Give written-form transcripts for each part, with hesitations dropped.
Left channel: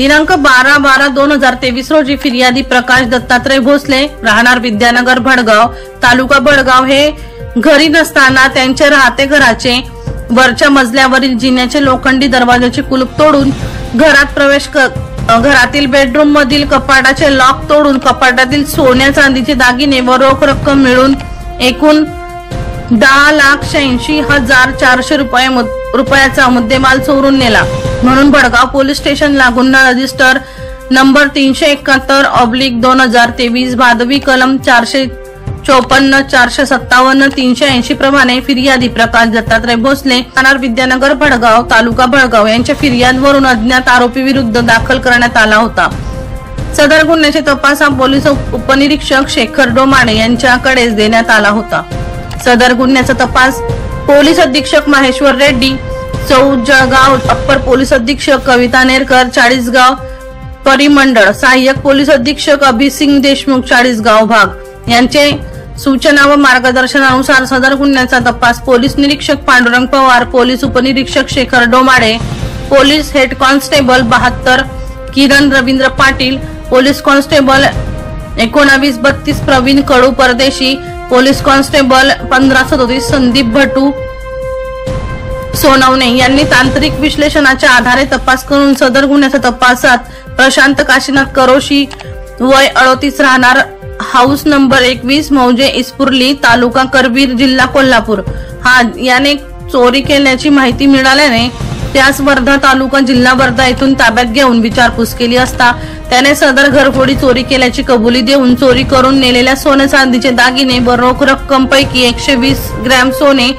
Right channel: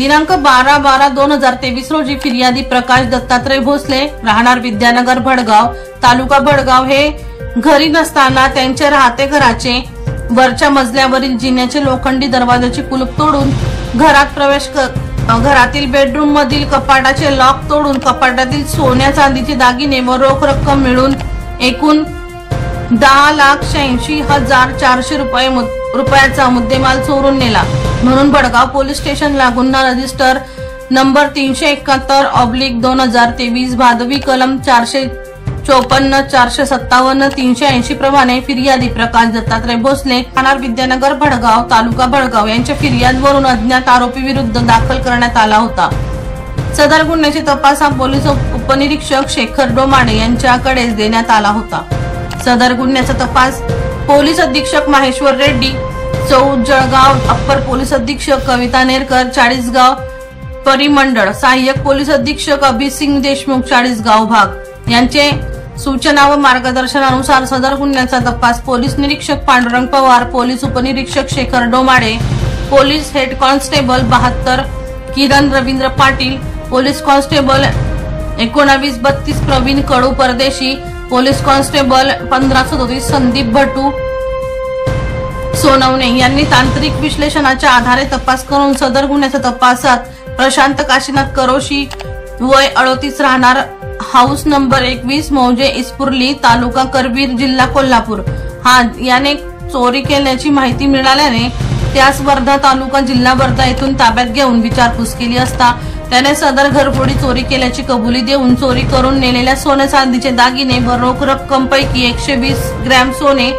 दिनांक 12/12/2023 रोजी फिर्यादी प्रकाश दत्तात्रय भोसले राहणार विद्यानगर भडगाव तालुका भडगाव हे घरी नसताना त्यांच्या राहते घराचे वरच्या मजल्यावरील जिन्याचे लोखंडी दरवाजाचे कुलूप तोडून घरात प्रवेश घरातील बेडरूम मधील कपाटाचे लॉक तोडून कपाटातील सोन्या चांदीचे दागिने व रोख रक्कम मिळून एकूण 10,86,400 रुपयाचा मुद्देमाल चोरून नेला म्हणून भडगाव पोलीस स्टेशनला गुन्हा रजिस्टर नंबर 371/2023 भादवी कलम 454, 457, 380 प्रमाणे फिर्यादी प्रकाश दत्तात्रय भोसले राहणार विद्यानगर भडगाव तालुका भडगाव यांच्या फिर्यादवरून अज्ञात आरोपी विरुद्ध दाखल करण्यात आला होता। सदर गुन्ह्याचे तपास हा पोलीस उपनिरीक्षक शेखर डोमाडे यांच्याकडे देण्यात आला होता। सदर गुन्ह्याचा तपास पोलीस अधीक्षक माहेश्वर रेड्डी जळगाव, अप्पर पोलीस अधीक्षक कविता नेरकर चाळीसगाव परिमंडळ, सहाय्यक पोलीस अधीक्षक अभिसिंग देशमुख चाळीसगाव भाग यांचे सूचना व मार्गदर्शनानुसार सदर गुन्ह्याचा तपास पोलीस निरीक्षक पांडुरंग पवार, पोलीस उपनिरीक्षक Shekhar Domade, police head constable 72 किरण रवींद्र पाटील, पोलीस कॉन्स्टेबल 1932 प्रवीण कडू परदेशी, पोलीस कॉन्स्टेबल 1537 संदीप भटू सोनवणे यांनी तांत्रिक विश्लेषणाच्या आधारे तपास करून सदर गुन्ह्याच्या तपासात प्रशांत काशीनाथ करोशी वय 38 राहणार हाऊस नंबर 21 मौजे इस्पुर्ली तालुका करवीर जिल्हा कोल्हापूर याने चोरी केल्याची माहिती मिळाल्याने त्यास वर्धा तालुका जिल्हा वर्धा येथून ताब्यात घेऊन विचारपूस केली असता त्याने सदर घरफोडी चोरी केल्याची कबुली देऊन चोरी करून नेलेल्या सोने चांदीचे दागिने व रोख रक्कम पैकी 120 ग्रॅम सोने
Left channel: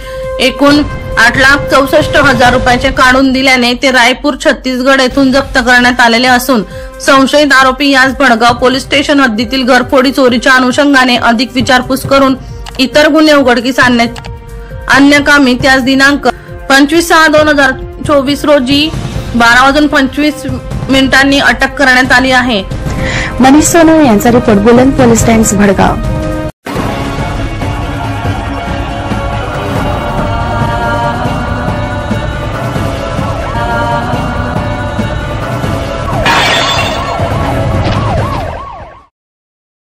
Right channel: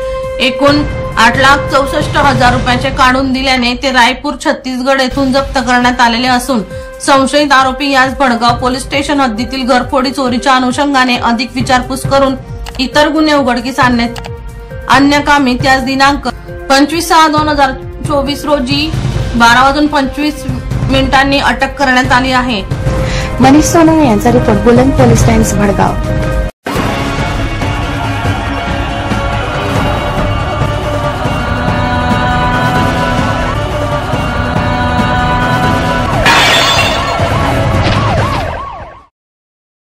एकूण 8,64,000 रुपयाचे काढून दिल्याने ते रायपूर छत्तीसगड येथून जप्त करण्यात आलेले असून संशयित आरोपी यास भडगाव पोलीस स्टेशन हद्दीतील घरफोडी चोरीच्या अनुषंगाने अधिक विचारपूस करून इतर गुन्हे उघडकीस आणण्याकामी त्यास दिनांक 25/6/2024 रोजी 12:25 अटक करण्यात आली आहे। मनीष सोनवणे यांचा रिपोर्ट बुलंद पोलीस टाइम्स भडगाव।